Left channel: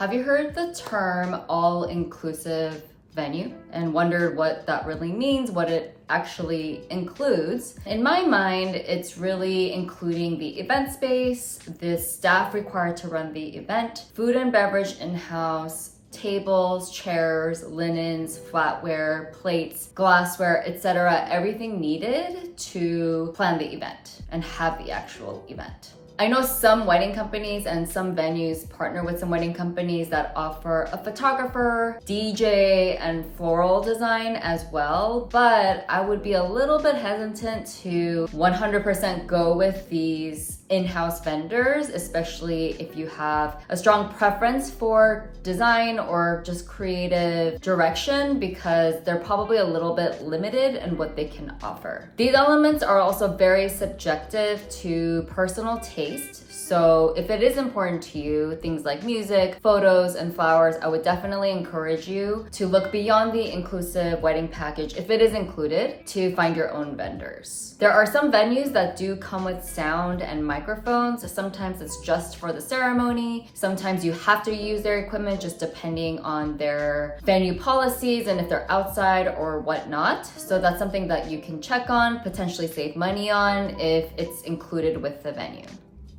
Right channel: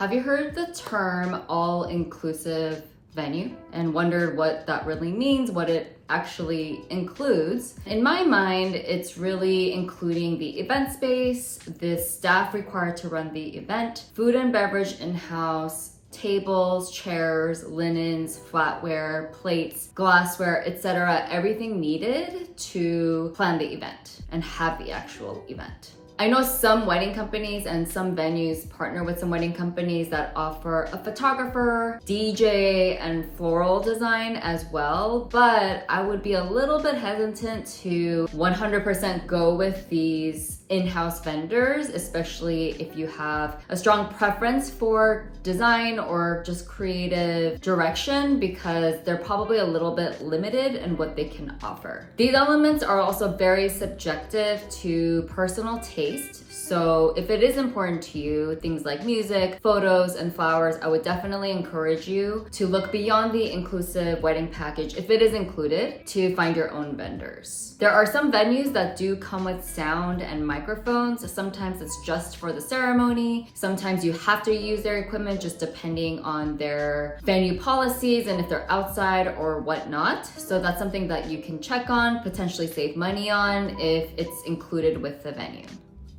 Have you heard the term all-inclusive venue and wondered what that really means, what it actually includes? In my mind, it's really including the event space, the staff required to run the event, food and beverage in-house, tables, chairs, linens, flatware, plates, glassware, etc. Everything needed to plan the event and have the actual event. I know some wedding companies and some venues partner with some wedding companies that offer a photographer, DJ, and floral design as well, but I would be a little bit hesitant to 100% go with these in-house vendors, especially if you have a strong preference for design or just creative direction, because they're probably a little bit limited in what they can offer. These elements are also very subjective to personal taste. So if it is important to you, things like music, photos, and flowers, I would definitely encourage you to look beyond the inclusive wedding package, if it is included, to find your own vendors. There are some venues that do come with sound and microphones. Sometimes it's just for the ceremony. Sometimes you have to use their equipment just depending on their venue policies and if they're outside or whatnot. So that's something that you can check on, potentially save money on if it's included with the venue.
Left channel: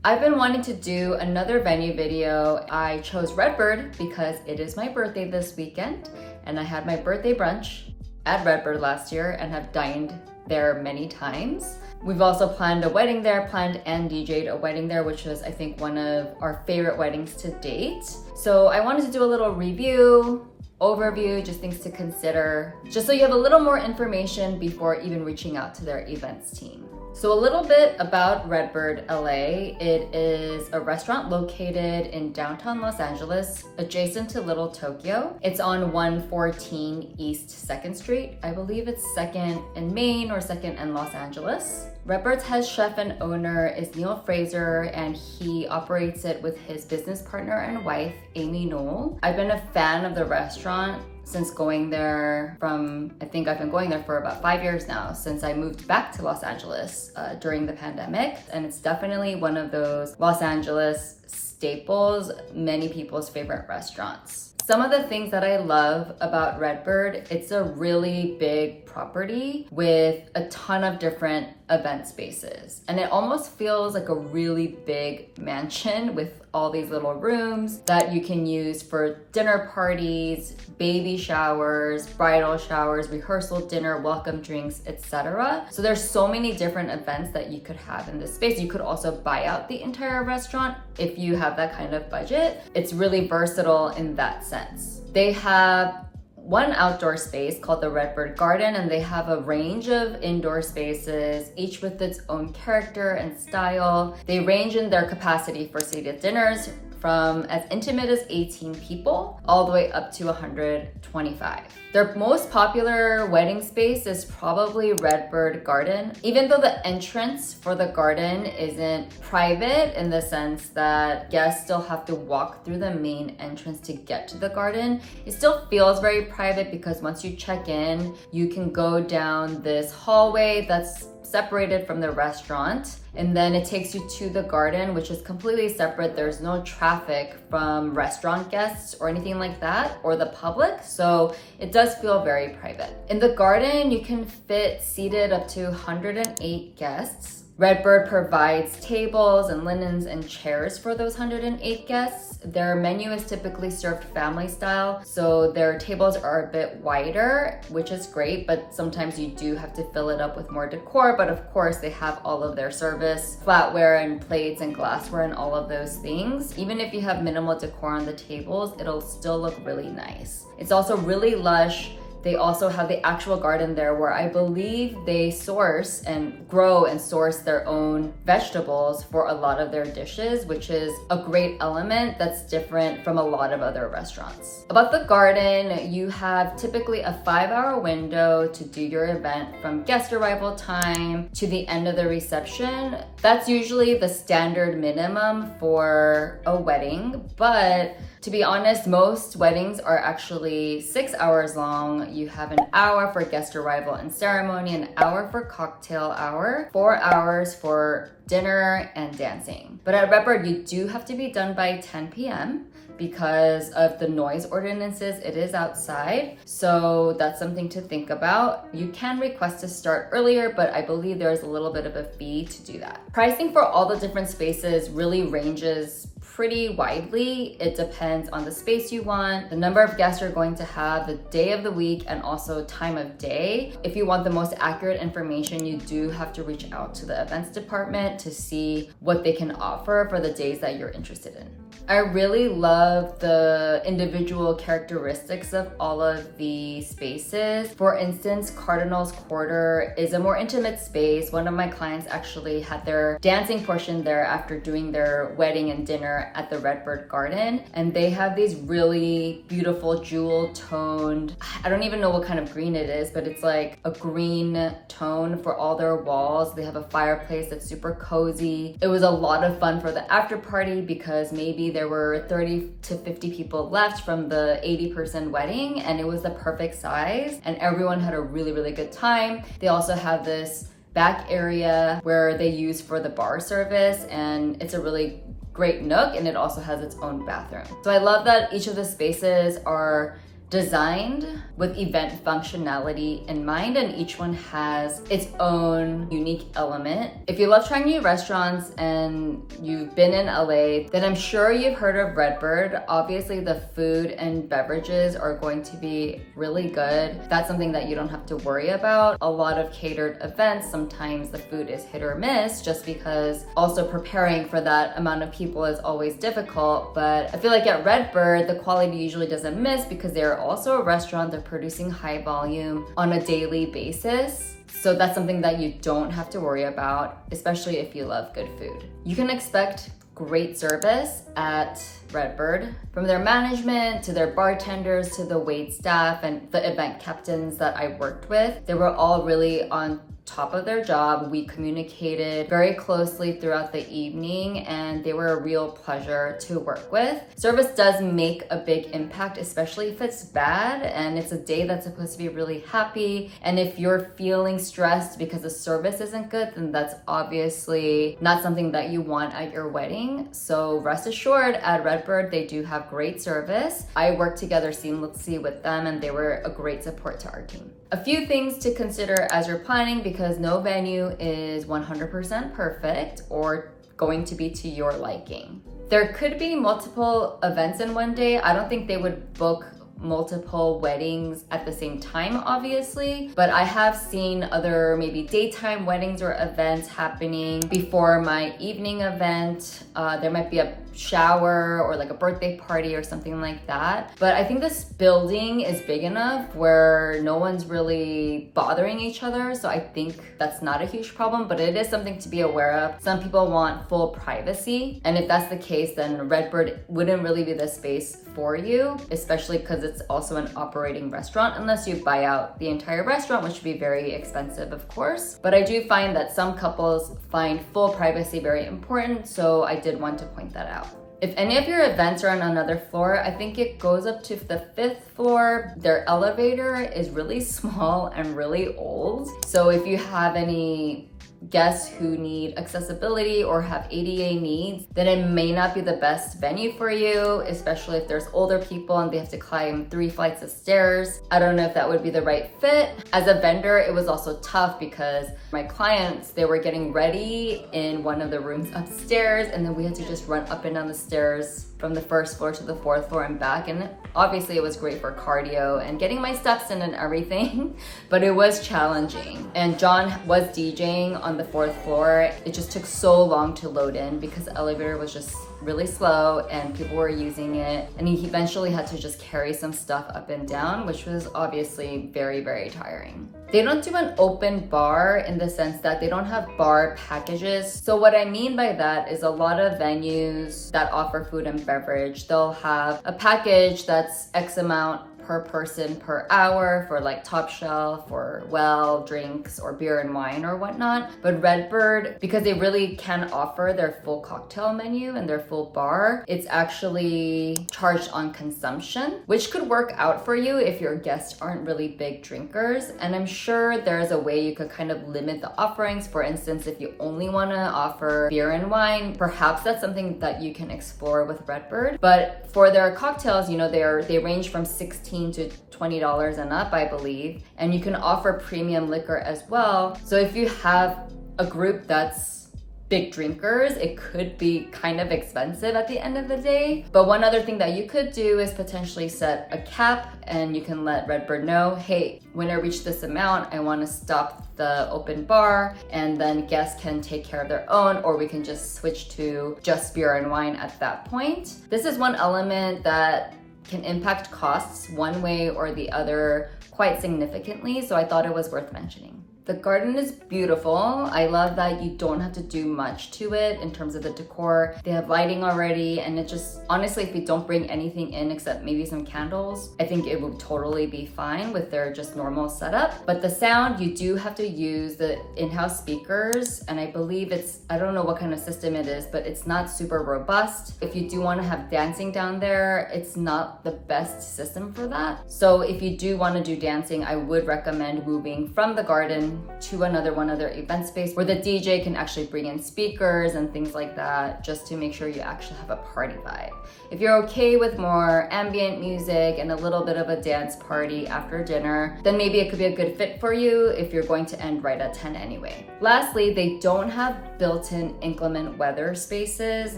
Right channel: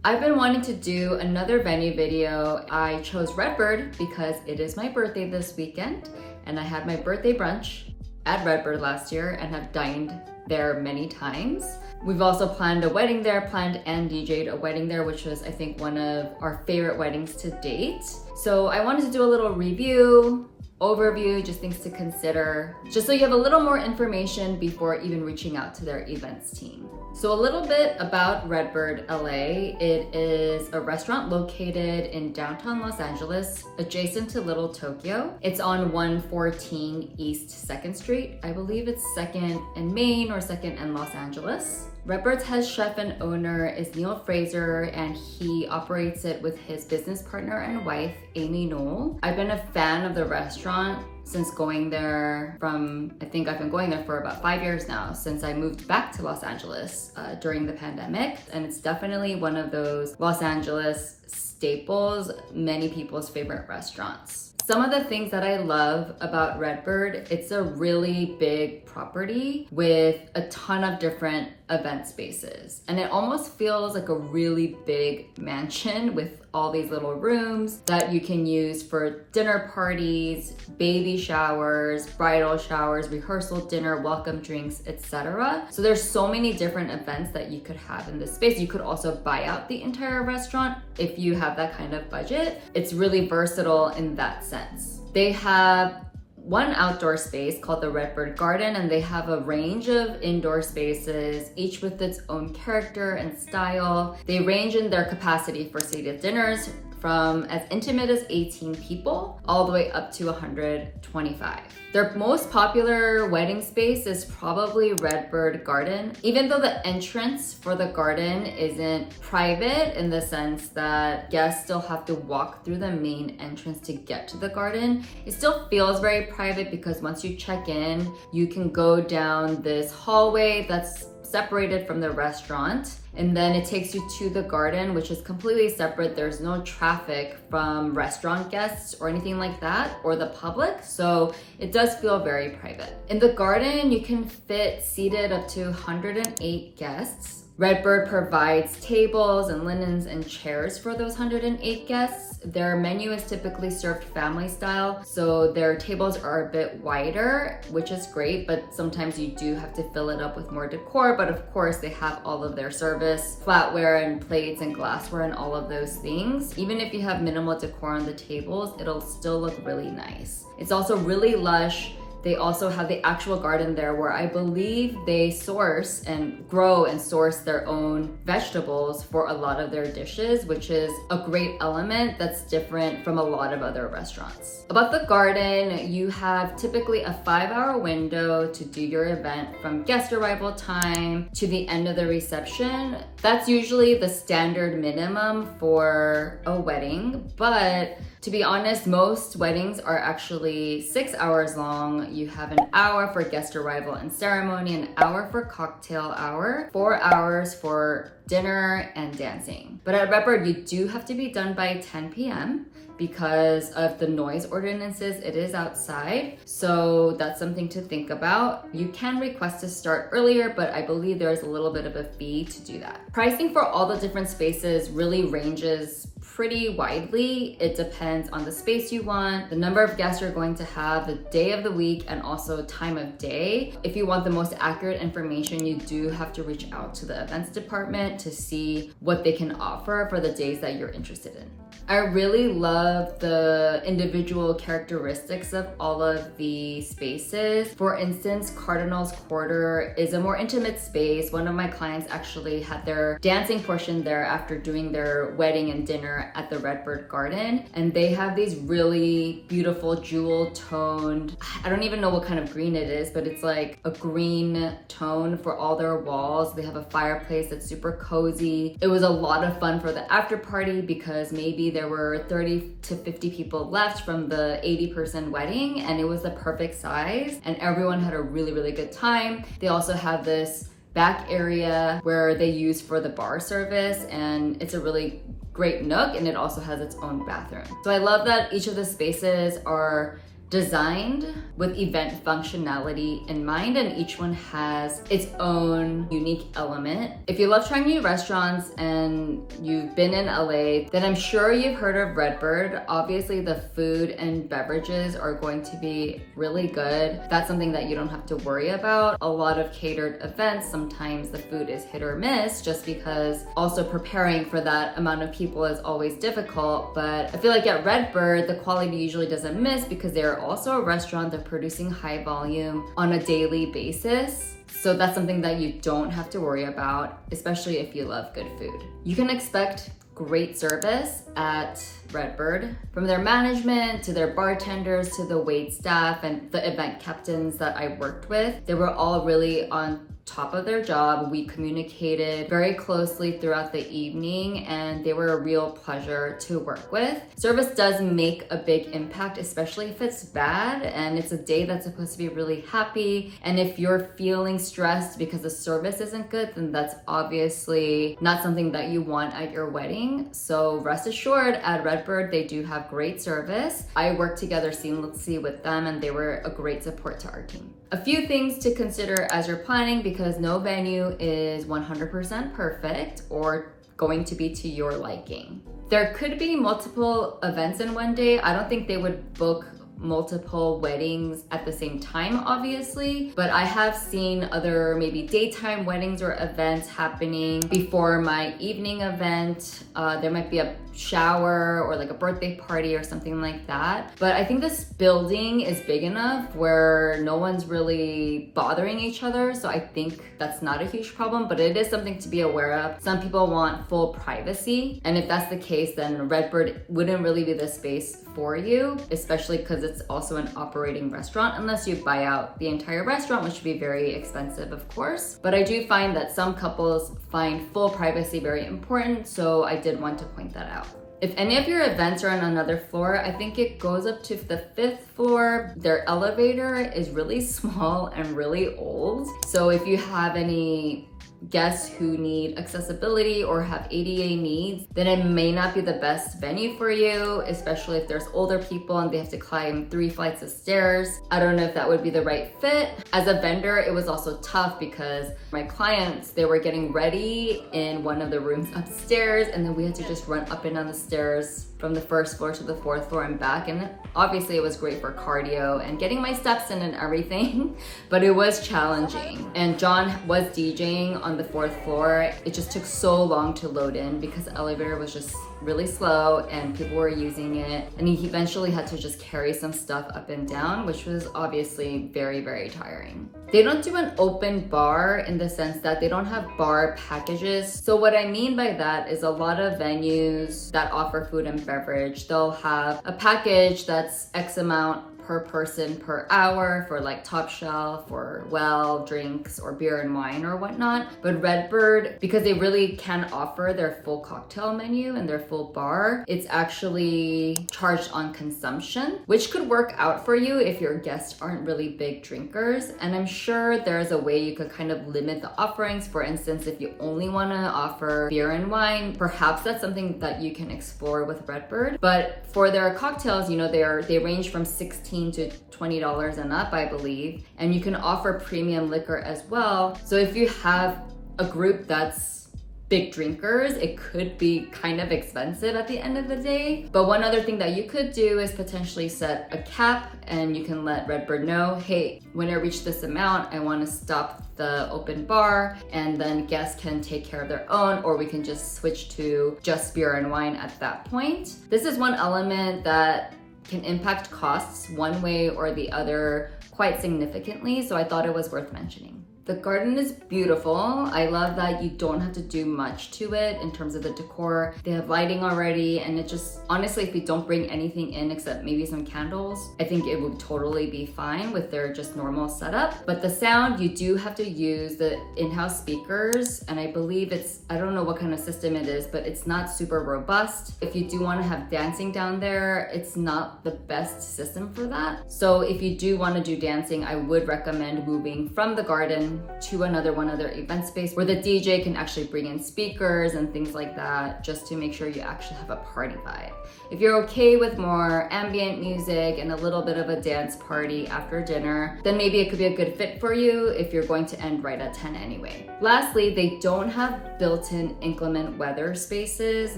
I've been wanting to do another venue video. I chose Redbird because it is my birthday this weekend, and I had my birthday brunch at Redbird last year and have dined there many times. We've also planned a wedding there, planned and DJ'd a wedding there, which was, I think, one of our favorite weddings to date. So I wanted to do a little review, overview, just things to consider, just so you have a little more information before even reaching out to their events team. So a little bit about Redbird LA. It is a restaurant located in downtown Los Angeles, adjacent to Little Tokyo. It's on 114 East 2nd Street. I believe it's 2nd and Main or 2nd and Los Angeles. Redbird's head chef and owner is Neil Fraser, and he operates it with his business partner and wife, Amy Knoll. I've been a fan of the restaurant since going there I think I've been going there for about 5 years now, since I moved back to Los Angeles during the pandemic. And it's definitely one of those Los Angeles staples, many people's favorite restaurants. Some of the things that I love about Redbird, it's a really big property with a ton of different event spaces. And it almost feels like a really big mansion with all these little rooms that you can use for dinner parties, baby showers, bridal showers, rehearsal dinner, welcome drinks, etc. So there's so many different events that you could have in this space. You could also buy out the entire restaurant if you have that kind of budget. It's really versatile in that sense. They have one outdoor space called the Redbird Garden, and they have a range of indoor spaces, each with its own character and style. They range in their capacity for seated dinners from as intimate as 18 people all the way up to 125. Their most popular wedding space is probably Redbird Garden. Even though the entrance for the garden isn't private in the sense that guests still have to walk through the main entrance to get to the garden, it still feels very private because once you check in, you can go down this hallway that's separated from the restaurant, and then it takes you to the garden, which is completely separate. There's no traffic from restaurant guests or anything like that, or the public, so it does feel very private. In the garden, you can fit seated up to 108 guests. Redbird provides tables and linens and chairs for those 108 guests. Their menu is typically served family style, so their tables are a bit wider, which is great, but sometimes you do have to fill it up with more decor. But of course, they have all of their service, flatware and plates and glassware and all of those things. Even if you have minimal decor on the tables, it'll still look really nice. It's also really lush. They also have the actual garden there where I believe they source and grow and source their own vegetables for a lot of their dishes, which is a great element that's different from a lot of other restaurants. About the garden, you have typically a 5-hour window to do your event from guest arrival time to the end of the reception. That's usually the standard minimum for a wedding, but to be honest, most weddings are actually 6 hours long. You have an hour for guest arrival and ceremony, an hour for cocktail hour, 4 hours for dinner and dancing. But at Redbird, you do have to be done by 10 p.m. because of the noise ordinances. It is outside, so that's something to think about. You can request to start earlier, but I believe there's a little bit of a fee to do that. Pricing for all the different spaces really ranges pretty widely. It depends on the space you want, the number of guests you're going to have, the day of the week, and also time of day. If you want the most accurate information, you do have to reach out to the events department to see what they can offer for the days that you're interested in. I really love the individual characteristics of all of the spaces. For instance, Cardinals Quarter is a more intimate space. One of my clients actually had their dancing portion there after doing their wedding and dinner at the Redbird Garden. And they have these really beautiful jewel toned, I don't even know what kind of green it is, but it's like a green tone for all their walls. They have a fireplace that's super cozy. It was a lot of fun for the after party because maybe there were 30 to 50 people left from the 80-person wedding, and it was the perfect size and everyone had a really, really good time. They also have this back area where they use for the bar service, and it's a really great nook, and it also has its own bathroom. So I love that each of the spaces are designed with event functionality in mind, and each one has its own unique element. If you love trying new restaurants and you've been in LA, then I'm sure you've heard of Redbird. Obviously the food and beverages are going to be really good. That's something that you don't have to worry about. A lot of catered events, sometimes the food is hit or miss just because also preparing for that amount of people is always difficult. But I feel like at Redbird, the quality usually doesn't miss because they're also a restaurant. They're producing high volume on a daily basis. So that's something that you don't have to worry about, especially if you love good food. You can expect great service at Redbird, from their management to their bartenders to the wait staff and the event captains that I worked with. They were all really on top of their job. We communicated very closely throughout the evening, and they were a real pleasure to work with. Service does make a big impact, especially if it's bad and it's a day that's supposed to be really happy. And if you're feeling stressed because the service isn't good, then that's obviously not something that you want at your wedding. So rest assured, at Redbird, they do have great service. I worked together seamlessly with them, and they were a great support to our team. A few things to consider as you're planning, because no venue is 100% perfect or going to be to your liking. There could be multiple events in one day. I don't think they would book multiple weddings at the same time, obviously, but I have seen other maybe daytime weddings or events happening before my evening event. There might be a shower or like a birthday party or something like that. But I think this building is big enough where no one's really bothering each other. So I think that's not a huge problem, but it is something to be aware of. Some people want full privacy. And if that's the case, then Redbird wouldn't really be the space for you, especially because it's also an operating restaurant, unless you buy out the entire restaurant, which would be very expensive, of course. But I do find that some couples find full privacy very important, so I did want to point that out. If any of your events are on another floor, I think it goes up to the 5th floor. Their elevator is really small and really old. So if you have any guests who need accessibility or have ADA needs, then it may not be the best venue for you, especially if there's older people and they have to climb 3 flights of stairs. I don't know if that would be the right fit. As a vendor, it was also tough because my clients, they were getting ready in one of the rooms upstairs, and then we had to just run up and down the stairs from the 1st floor to the 4th floor and back. And obviously it was great for cardio and getting my steps in and everything, but it was challenging. And John was DJing on the 4th floor. It just took so long to load in because the elevator was just really slow and people were using it. And he eventually had to just carry some stuff up and down, which was obviously very, very tiring. They don't do an open bar in the sense that they don't have bar packages. So what I mean by that is a lot of venues that offer food and beverage, they'll have a package that's X amount per per person per hour for like top shelf or well drinks or beer and wine or whatnot. But Redbird, because they really can offer their full cocktail menu and their full bar, it's actually charged on consumption, which could work out for you if your guests aren't really big drinkers. And I'm sure there's a way you could kind of limit the offerings. For instance, if you only want to offer beer and wine, perhaps that's something that you can explore with Redbird. But for their cocktails, you know, they range from $16 to $20 and up, I believe. And you can offer premium liquor as well. So if you have a group that's big drinkers, it could be kind of expensive at the end of the day. But one other thing that you could do is potentially set a cap, and you can let Redbird know, hey, when I reach this amount, I want to stop the open bar, and then guests can take care of their own, or we can just switch to just beer and wine at that point. This is one element that can impact costs one way or the other quite significantly, so I thought it was worth mentioning. The garden is beautiful. I love that you don't have to do much to it in terms of the decor. They have lighting already, and it just, honestly, if you don't bring anything in except maybe some candles, I think it would totally be fine with their just normal setup. But the sound, you do have to use the in-house speakers, and I believe I don't know what kind of system it is, but it's not super robust. If you do want to have dancing down there, it's not the best system for that. So if you do want to do dancing, I would recommend moving from the garden to one other event space where the DJ can actually bring in speakers and things like that, just to make sure you actually have a party vibe. If you're okay with more ambient music and a little bit of a dance party after dinner, then maybe it could be a good fit for you if you're going to end right at 10 anyway. Lastly, they don't have built-in inclement weather spaces,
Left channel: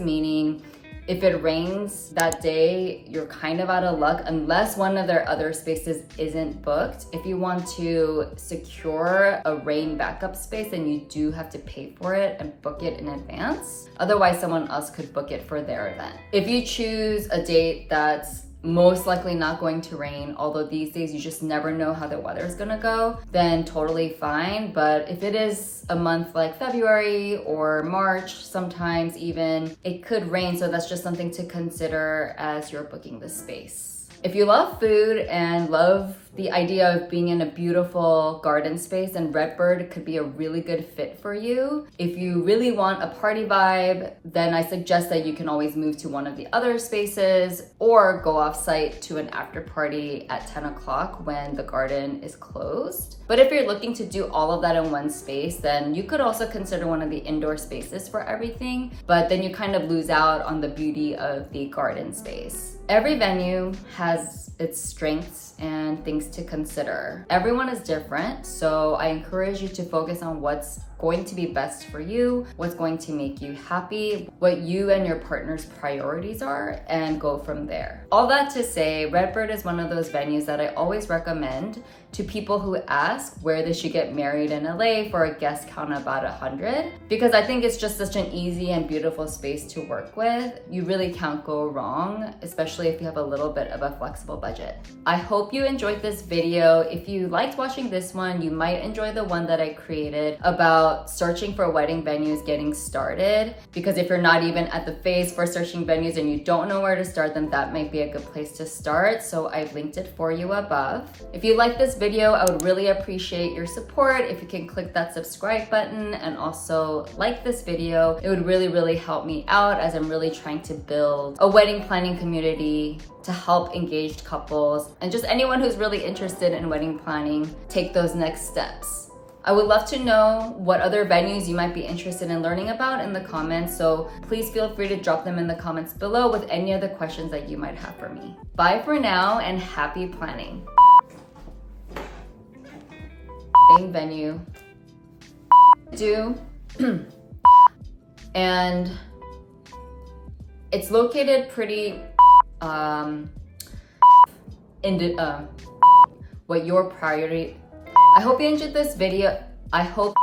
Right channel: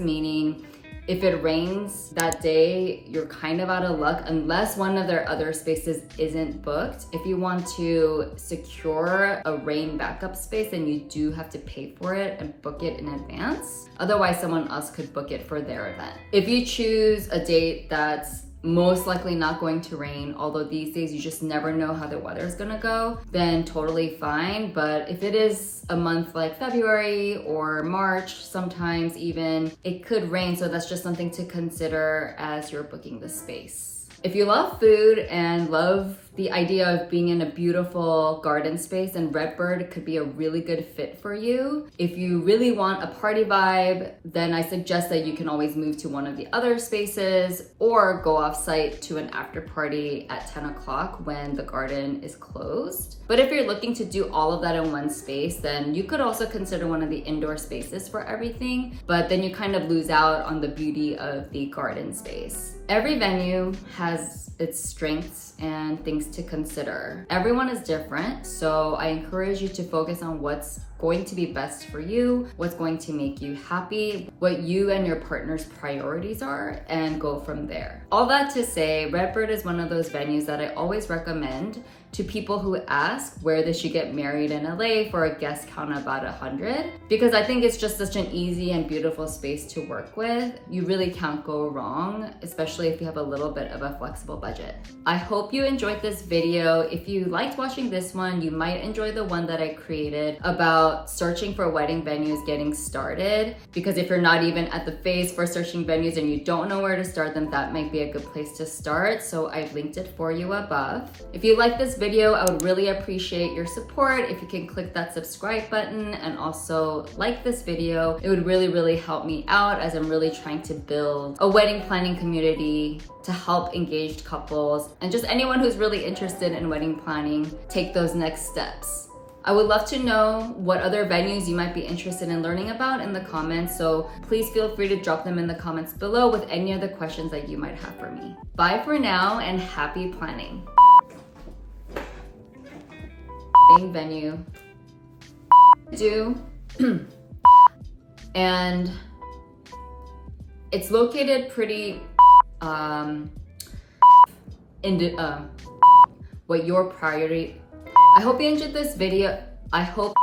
meaning if it rains that day, you're kind of out of luck unless one of their other spaces isn't booked. If you want to secure a rain backup space, then you do have to pay for it and book it in advance. Otherwise, someone else could book it for their event. If you choose a date that's most likely not going to rain, although these days you just never know how the weather is gonna go, then totally fine. But if it is a month like February or March, sometimes even, it could rain, so that's just something to consider as you're booking the space. If you love food and love the idea of being in a beautiful garden space, then Redbird could be a really good fit for you. If you really want a party vibe, then I suggest that you can always move to one of the other spaces or go off site to an after party at 10 o'clock when the garden is closed. But if you're looking to do all of that in one space, then you could also consider one of the indoor spaces for everything, but then you kind of lose out on the beauty of the garden space. Every venue has its strengths and things to consider. Everyone is different, so I encourage you to focus on what's going to be best for you, what's going to make you happy, what you and your partner's priorities are, and go from there. All that to say, Redbird is one of those venues that I always recommend to people who ask where they should get married in LA for a guest count of about 100, because I think it's just such an easy and beautiful space to work with. You really can't go wrong, especially if you have a little bit of a flexible budget. I hope you enjoyed this video. If you liked watching this one, you might enjoy the one that I created about searching for wedding venues getting started, because if you're not even at the phase for searching venues and you don't know where to start, then that might be a good place to start. So I've linked it for you above. If you like this video, I would really appreciate your support. If you can click that subscribe button and also like this video, it would really help me out, as I'm really trying to build a wedding planning community to help engaged couples and just anyone who's really interested in wedding planning take those next steps. I would love to know what other venues you might be interested in learning about in the comments, so please feel free to drop them in the comments below with any other questions that you might have for me. Bye for now and happy planning. Venue and it's located pretty what your priority. I hope you enjoyed this video. I hope